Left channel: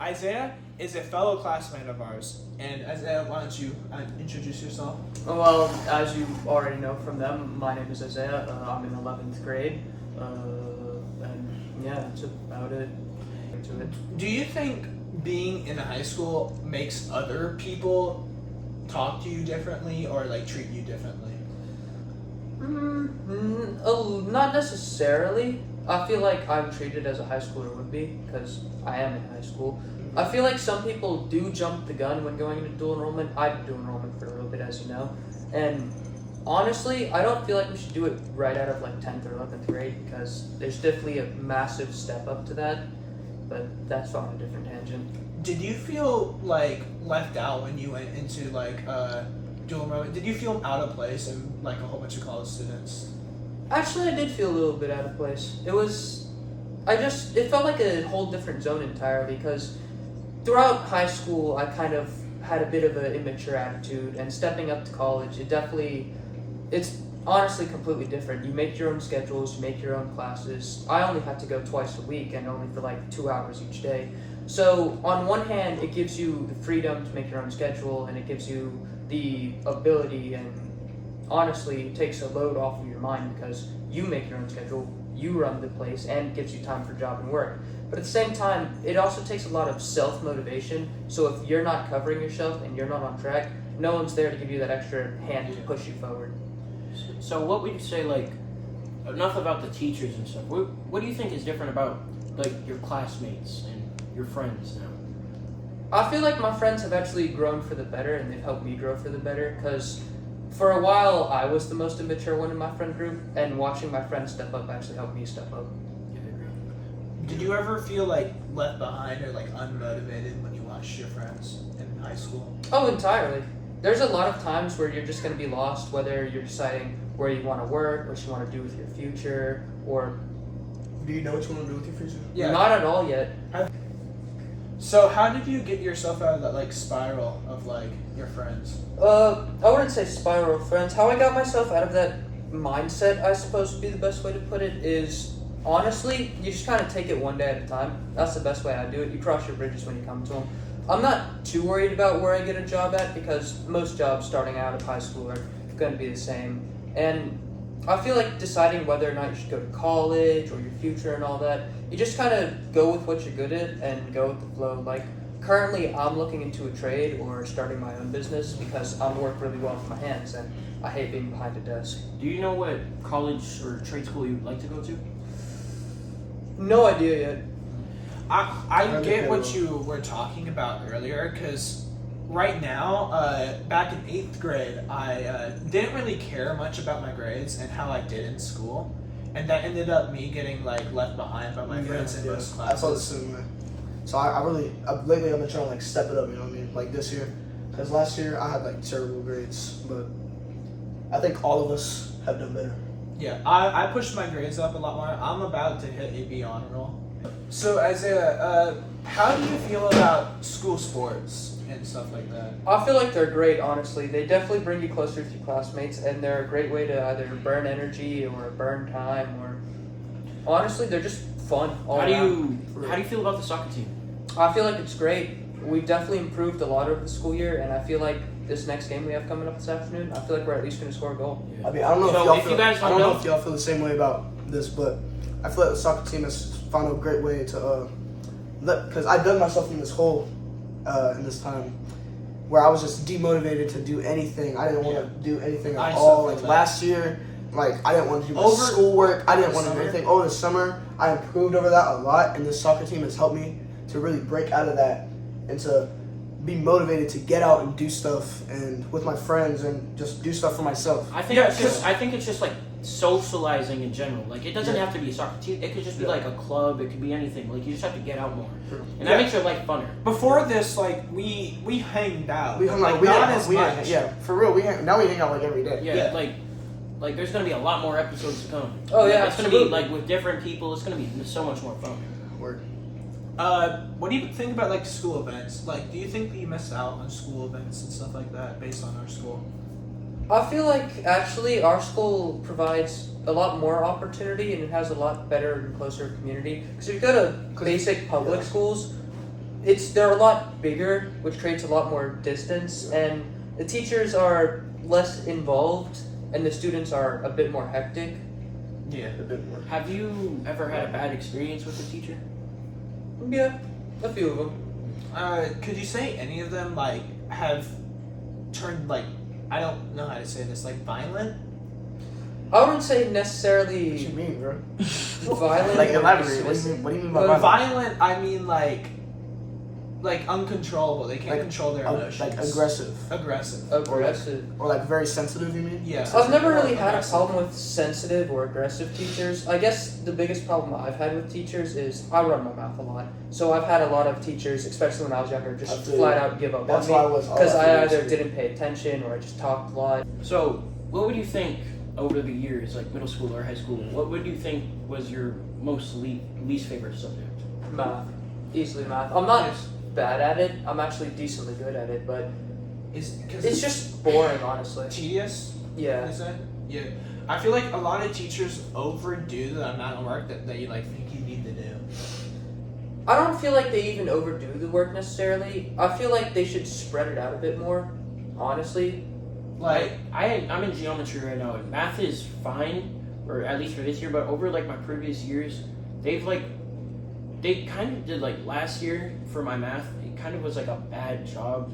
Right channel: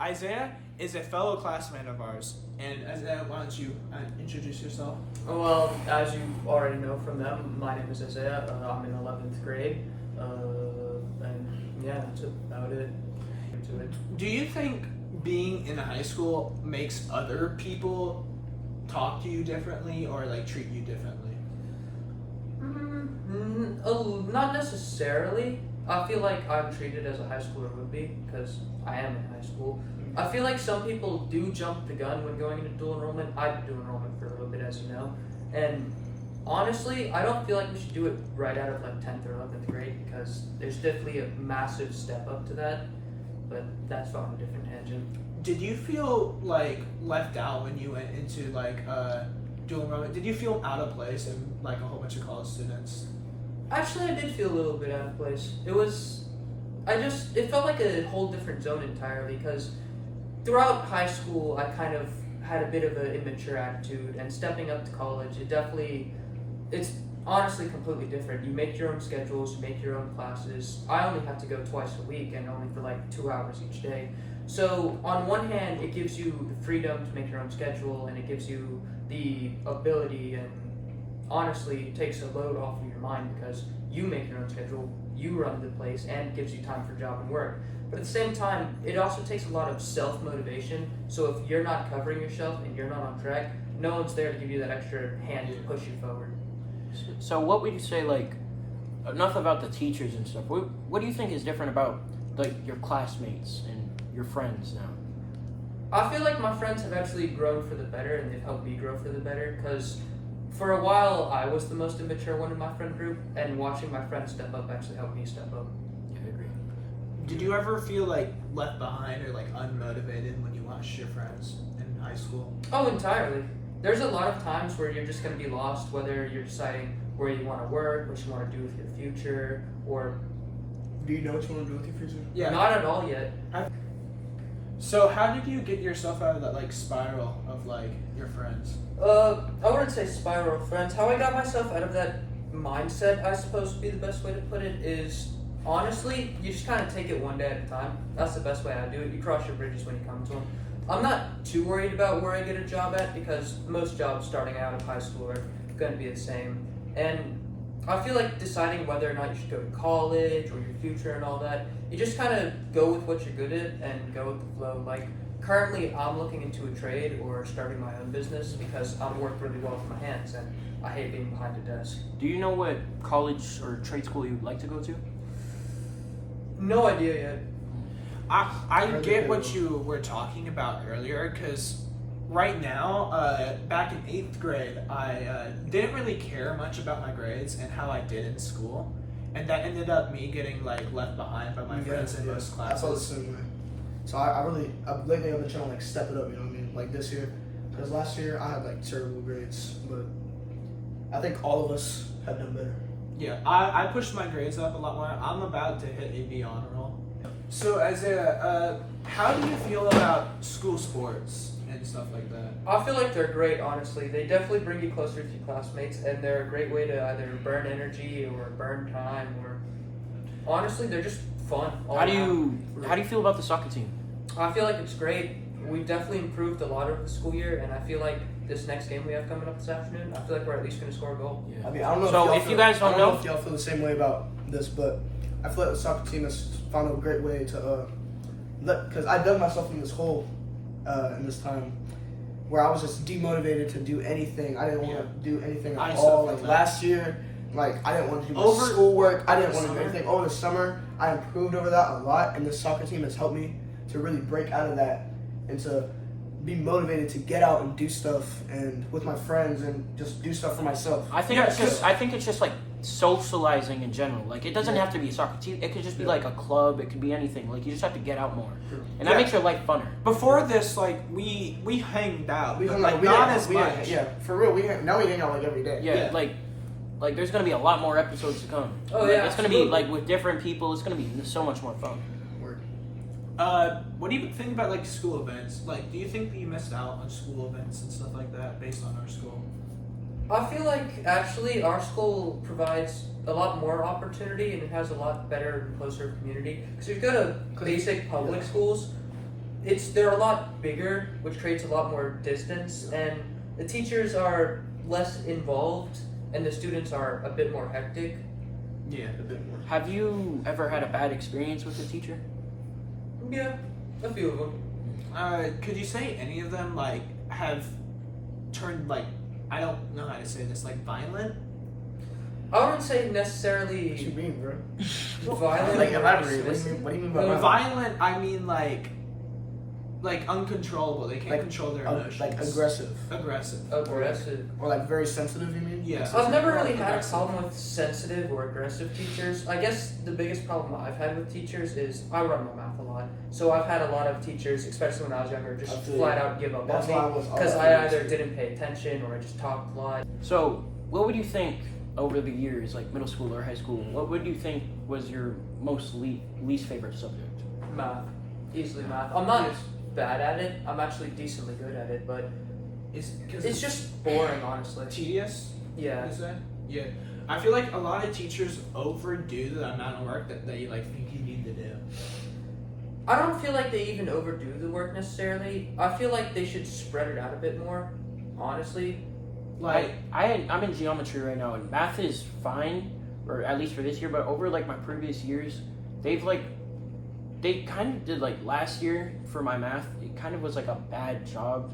Isaiah is a fellow classmate of ours. And Isaiah, why don't you introduce yourself? Well, as you already know from them, my name is Isaiah. I'm in 11th grade. And yeah, that's about it. Do you think being in high school makes other people talk to you differently or like treat you differently? Not necessarily. I feel like I'm treated as a high schooler would be because I am in high school. I feel like some people do jump the gun when going into dual enrollment. I did dual enrollment for a little bit, as you know, and honestly, I don't feel like we should do it right out of like 10th or 11th grade because there's definitely a massive step up to that. But that's on a different tangent. Did you feel like left out when you went into like dual enrollment? Did you feel out of place in like a whole bunch of college students? Actually, I did feel a little bit out of place. It felt like a whole different zone entirely because throughout high school, I kind of had a bit of an immature attitude, and stepping up to college, it's honestly completely different. You make your own schedules, you make your own classes. I only had to go twice a week and only for like 2 hours each day. So on one hand, it gives you the freedom to make your own schedule, and it gives you the ability, and honestly, it takes a load off of your mind because you make your own schedule, you run the place, and it gives you time for job and work. But at the same time, it also takes a lot of self-motivation. So if you're not covering yourself and you're not on track, no one's there to give you that extra hand to push you forward. So what would you say, like, enough about the teachers and stuff, what do you think is different about, like, your classmates and your friends now? I feel like my friends have actually grown for the better, and they've helped me grow for the better, because for a while I was the most immature one in my friend group, and watching my friends step up actually helped me step up. Did you ever feel like left behind or like unmotivated when you watched your friends in high school? Oh, entirely. There's a lot of times where you're just going to be lost, whether you're deciding where you want to work, what you want to do with your future, or... Do you know what you want to do with your future? Yeah. Not at all yet. So how did you get yourself out of that like spiral of like your friends? I wouldn't say spiral of friends. How I got myself out of that mindset, I suppose would be the best way to put it, is honestly, you just kind of take it one day at a time. That's the best way I do it. You cross your bridges when you come to them. I'm not too worried about where I get a job at because most jobs starting out of high school are going to be the same. And I feel like deciding whether or not you should go to college or your future and all that, you just kind of go with what you're good at and go with the flow. Like, currently I'm looking into a trade or starting my own business because I work really well with my hands and I hate being behind a desk. Do you know what college or trade school you'd like to go to? No idea yet. I get what you were talking about earlier because right now, back in 8th grade, I didn't really care much about my grades and how I did in school. And that ended up me getting like left behind by my friends in most I felt the classes. same way. So lately I've been trying to like step it up, you know what I mean? Like this year. Because last year I had like terrible grades, but I think all of us have done better. Yeah, I pushed my grades up a lot more. I'm about to hit a B honor roll. So Isaiah, how do you feel about school sports and stuff like that? I feel like they're great, honestly. They definitely bring you closer to your classmates, and they're a great way to either burn energy or burn time, or honestly, they're just fun. How do you feel about the soccer team? I feel like it's great. We've definitely improved a lot over the school year, and I feel like this next game we have coming up this afternoon, I feel like we're at least going to score a goal. Yeah. I mean, I don't know So if y'all if feel, you guys I don't wanna know know- if y'all feel the same way about this, but I feel like the soccer team has found a great way to because I dug myself in this hole in this time where I was just demotivated to do anything. I didn't want to do anything I at still all. feel Like that. last year, like I didn't want to do my Over- schoolwork. I over didn't want to do summer? anything. Over the summer, I improved over that a lot, and this soccer team has helped me to really break out of that and to be motivated to get out and do stuff and with my friends and just do stuff for myself. I think it's just like socializing in general. Like it doesn't have to be a soccer team. It could just be like a club. It could be anything. Like you just have to get out more, and that makes your life funner. Before this, like we hanged out, We but, hung like out, we not hang- as we much. hang- yeah, for real. Now we hang out like every day. Yeah, like there's gonna be a lot more episodes to come. Oh, yeah, it's gonna be absolutely. like with different people. It's gonna be so much more fun. Word. What do you think about like school events? Like, do you think that you missed out on school events and stuff like that based on our school? I feel like actually our school provides a lot more opportunity and it has a lot better and closer community. So if you go to basic public schools, they're a lot bigger, which creates a lot more distance, and the teachers are less involved, and the students are a bit more hectic. Yeah. A bit more. Have you ever had a bad experience with a teacher? Yeah, a few of them. Could you say any of them like have turned like, I don't know how to say this, like violent? I wouldn't say What you necessarily mean, bro? violent. Like, or elaborate. What do dismissive. you mean? What do you mean by By violent? violent, I mean like uncontrollable. They can't Like, control their emotions. Like aggressive, Aggressive. Aggressive. or like very sensitive. You mean? Yeah. I've never really Or had a aggressive. problem with sensitive or aggressive teachers. I guess the biggest problem I've had with teachers is I run my mouth a lot. So I've had a lot of teachers, especially when I was younger, I just feel flat you. out give up That's on why I me was. because I either too. didn't pay attention or I just talked a lot. So, what would you think over the years, like middle school or high school? What would you think was your most least favorite subject? Math, easily math. I'm not Yes. bad at it. I'm actually decently good at it, but Because it's just boring, honestly. tedious. Yeah. Is it? Yeah. I feel like a lot of teachers overdo the amount of work that they like think you need to do. I don't feel like they even overdo the work necessarily. I feel like they should spread it out a bit more, honestly. Like I'm in geometry right now, and math is fine, or at least for this year. But over like my previous years, they kind of did like last year for my math. It kind of was like a bad job,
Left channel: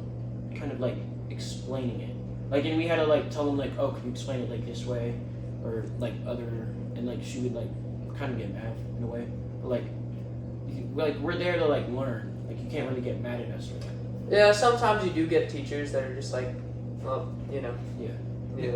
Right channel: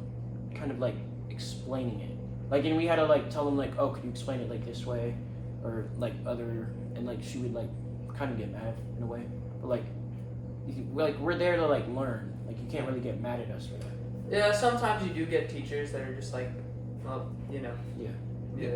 kind of like explaining it. Like, and we had to like tell them like, oh, can you explain it like this way, or like other, and like she would like kind of get mad in a way. But like we're there to like learn. Like you can't really get mad at us for that. Yeah, sometimes you do get teachers that are just like, well, you know. Yeah.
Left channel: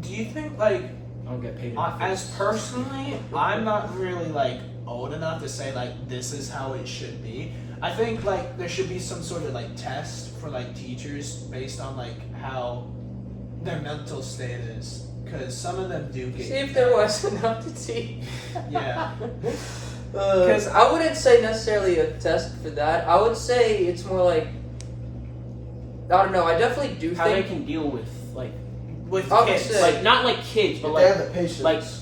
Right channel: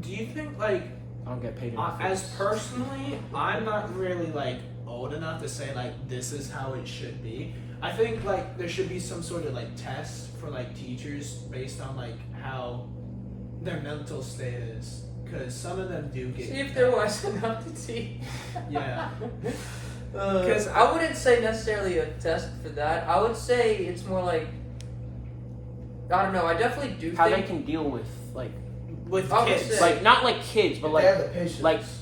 do you think like I don't get paid enough. as personally, I'm not really like old enough to say like this is how it should be. I think like there should be some sort of like test for like teachers based on like how their mental state is, because some of them do get. See if there was enough to teach. Yeah. Because I wouldn't say necessarily a test for that. I would say it's more like, I don't know. I definitely do How they think. can deal with like With Obviously. kids. like not like kids, but If like they have the patience.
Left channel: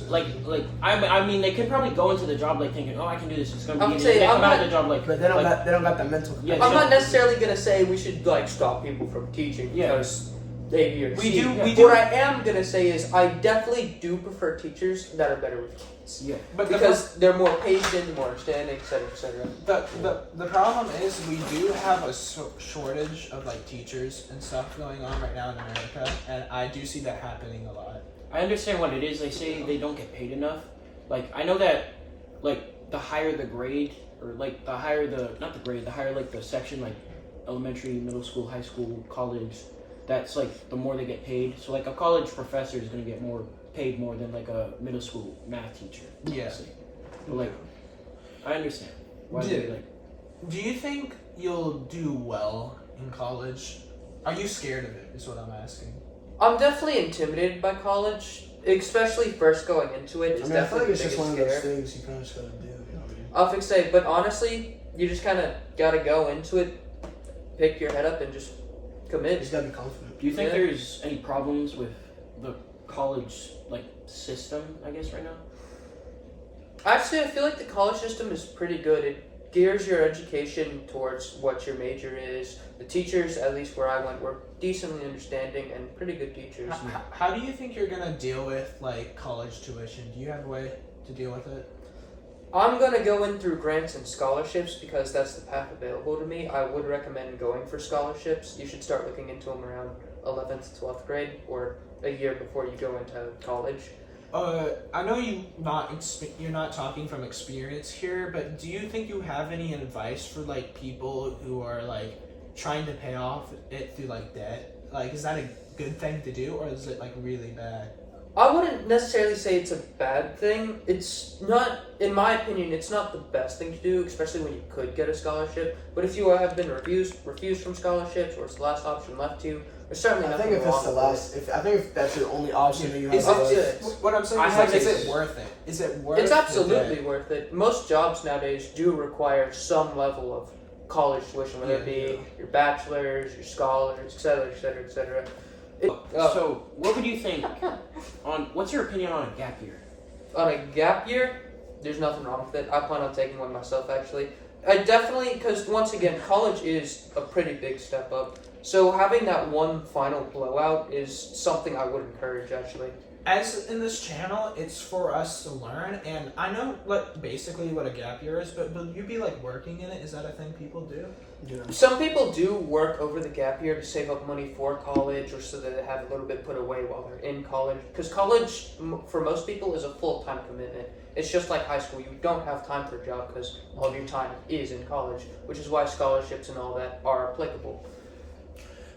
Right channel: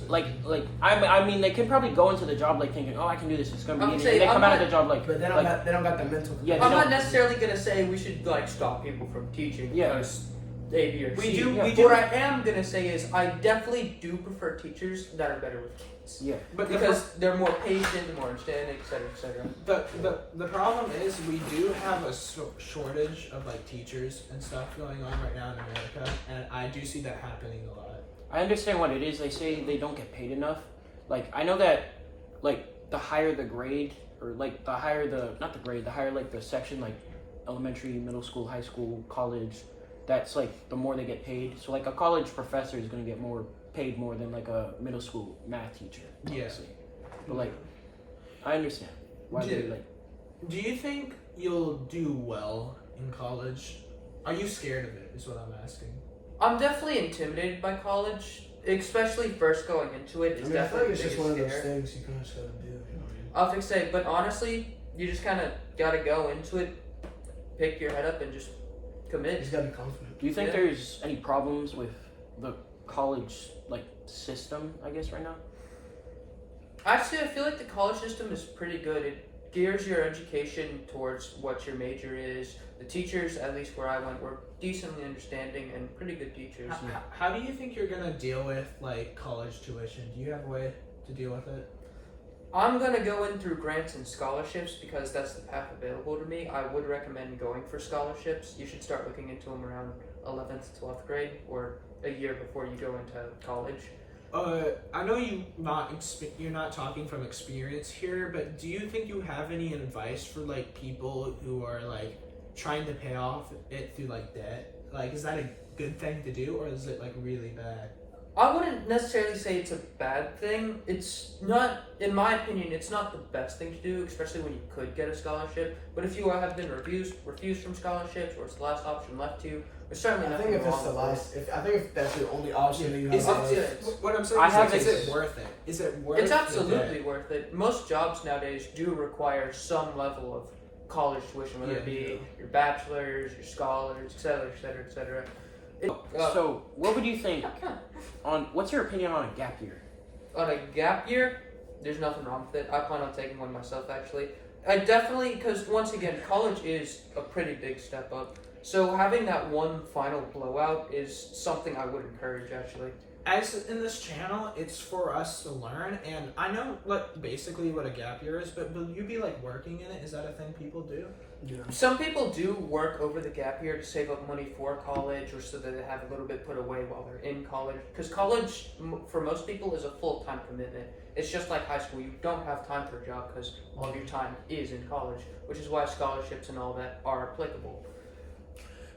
like I mean they can probably go into the job like thinking, oh, I can do this, it's gonna I'm be easy. saying, And they I'm come out of not- the job like But they don't like, got they don't got that mental. Yeah, I'm no. not necessarily gonna say we should like stop people from teaching Yeah. because A, B, or We C. do- Yeah. we do- What I am gonna say is I definitely do prefer teachers that are better with kids yeah. But the because they're more patient, more understanding, etc., etc. The problem is we do have a shortage of like teachers and stuff going on right now in America, and I do see that happening a lot. I understand what it is. They say they don't get paid enough. Like I know that like the higher the grade or like the higher the not the grade, the higher like the section like elementary, middle school, high school, college, that's like the more they get paid. So like a college professor is gonna get more paid more than like a middle school math teacher. Yeah. Honestly. But like I understand why they Yeah. like Do you think you'll do well in college? Are you scared of it? Is what I'm asking. I'm definitely intimidated by college, especially first going into it. I It's mean, I feel like definitely it's just the one of those biggest scare. things you kind of just gotta do. You know what I mean? I was gonna say, but honestly, you just kind of gotta go into it, pick your head up, and just You commit. just gotta be confident. do you think Yeah. there's any problems with the college like system, I guess, right now? Actually, I feel like the college system is pretty good. It gears your education towards what your major is. The teachers, at least where I went, were decently understanding and pretty good teachers. How do you think you're gonna deal with like college tuition? Do you have a way to deal with it? I'm gonna go in through grants and scholarships because that's the path available to me. I would recommend going for scholarships. You should start looking into them around 11th, 12th grade, or a year before you go into college. I know you're not talking from experience here, but do you think you have any advice for like people who are like trying to pay off it through like debt? Like, is that a good thing to do, or is it like really bad? I wouldn't necessarily say it's a bad thing. It's not, in my opinion, it's not the best thing to do, especially when you could get a scholarship. But if you have been refused from scholarships, or it's the last option left to you, there's certainly I nothing think if it's wrong the with last, I think if that's the only option that you have, Is Up left, to it. What I'm saying I is like, think is it's- it worth it? Is it worth? It's the absolutely debt? worth it. Most jobs nowadays do require some level of college tuition, whether it be your bachelor's, your scholars, etc., etc., etc. So what would you think on what's your opinion on a gap year? On a gap year, there's nothing wrong with it. I plan on taking one myself, actually. I definitely, because once again, college is a pretty big step up. So having that one final blowout is something I would encourage, actually. As in this channel, it's for us to learn, and I know like basically what a gap year is, but will you be like working in it? Is that a thing people do? Yeah. Some people do work over the gap year to save up money for college, or so that they have a little bit put away while they're in college. Because college, for most people, is a full-time commitment. It's just like high school. You don't have time for a job because all of your time is in college, which is why scholarships and all that are applicable.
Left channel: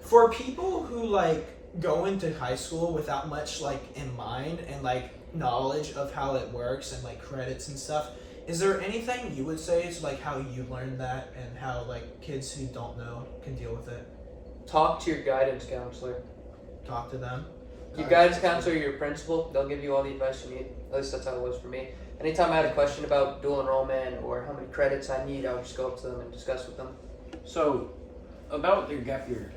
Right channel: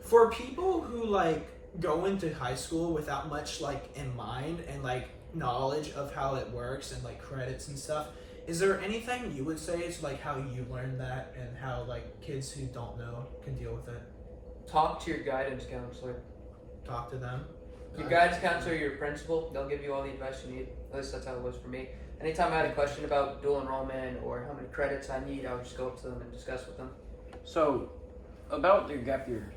For people who like go into high school without much like in mind and like knowledge of how it works and like credits and stuff, is there anything you would say is like how you learned that and how like kids who don't know can deal with it? Talk to your guidance counselor. Talk to them. Your guidance counselor, your principal, they'll give you all the advice you need. At least that's how it was for me. Anytime I had a question about dual enrollment or how many credits I need, I would just go up to them and discuss with them. So, about your gap year,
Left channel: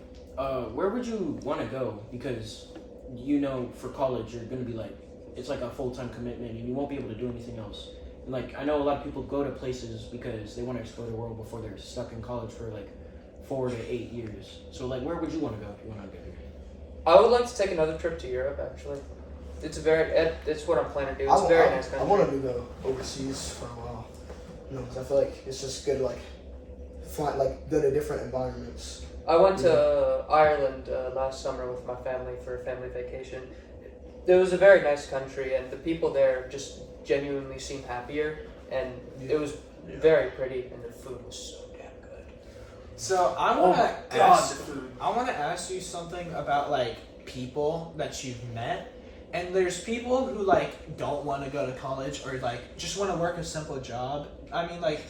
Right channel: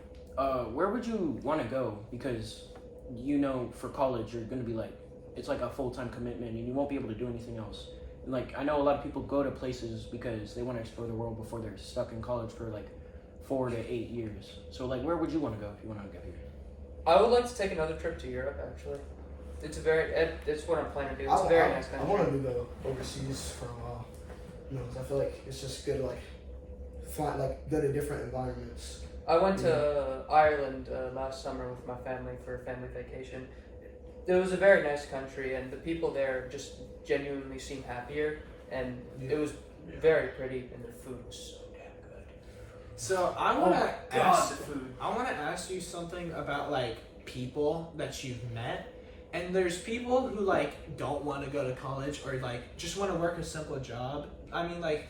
where would you want to go? Because you know, for college, you're gonna be like, it's like a full-time commitment, and you won't be able to do anything else. And like, I know a lot of people go to places because they want to explore the world before they're stuck in college for like 4 to 8 years. So like, where would you want to go if you want to get here? I would like to take another trip to Europe, actually. It's what I'm planning to do. It's a very nice country. I wanted to go overseas for a while. You know, 'cause I feel like it's just good to like find like go to different environments. I went to Ireland last summer with my family for a family vacation. It was a very nice country, and the people there just genuinely seemed happier, and it was very pretty, and their food was so damn good. So I want to ask. the food. I want to ask you something about like people that you've met. And there's people who like don't want to go to college or like just want to work a simple job. I mean, like,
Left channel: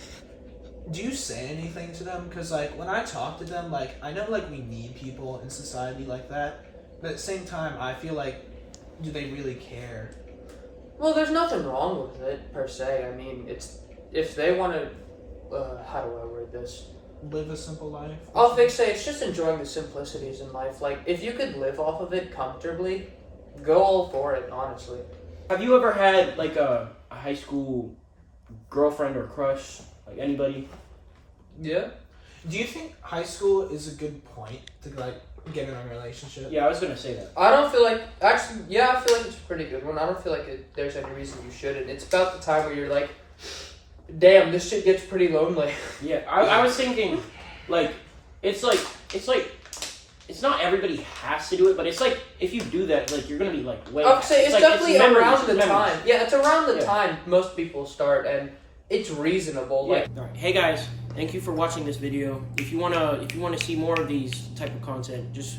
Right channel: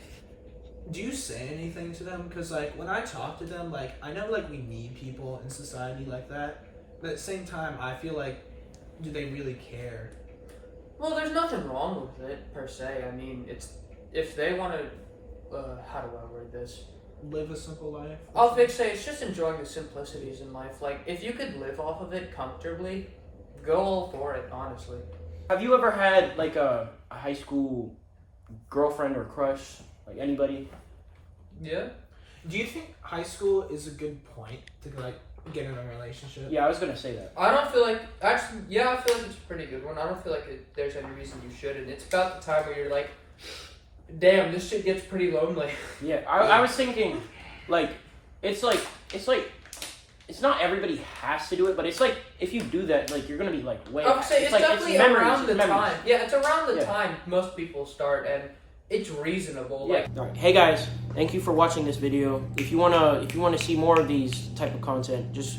do you say anything to them? Because like when I talk to them, like I know like we need people in society like that, but at the same time, I feel like, do they really care? Well, there's nothing wrong with it per se. I mean, it's if they want to. How do I word this? Live a simple life. I'll say it's just enjoying the simplicities in life. Like if you could live off of it comfortably, go all for it. Honestly. Have you ever had like a high school girlfriend or crush? Like anybody? Yeah. Do you think high school is a good point to like get in a relationship? Yeah, I was gonna say that. I don't feel like actually. Yeah, I feel like it's a pretty good one. I don't feel like there's any reason you shouldn't. It's about the time where you're like, damn, this shit gets pretty lonely. Yeah, I was thinking, like, it's not everybody has to do it, but it's like if you do that, like you're gonna be like way. I'll say it's like, definitely memories, around the memories. time. Yeah, it's around the Yeah. time most people start, and it's reasonable. Yeah. Like, Alright. Hey guys, thank you for watching this video. If you wanna see more of these type of content, just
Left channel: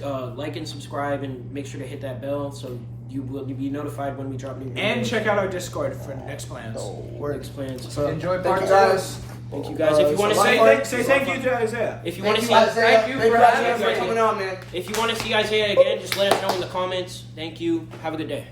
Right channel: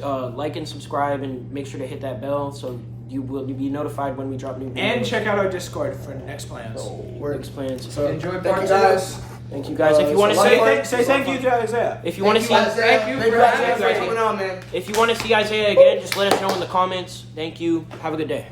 like and subscribe and make sure to hit that bell so you will be notified when we drop new videos. And check out our Discord for next plans. Works plans. enjoy Thank part you two. guys. Thank you guys. If you want to Say thank you to Isaiah. if you want to see Thank you for having for coming on, man. if you want to see Isaiah again, just let us know in the comments. Thank you. Have a good day.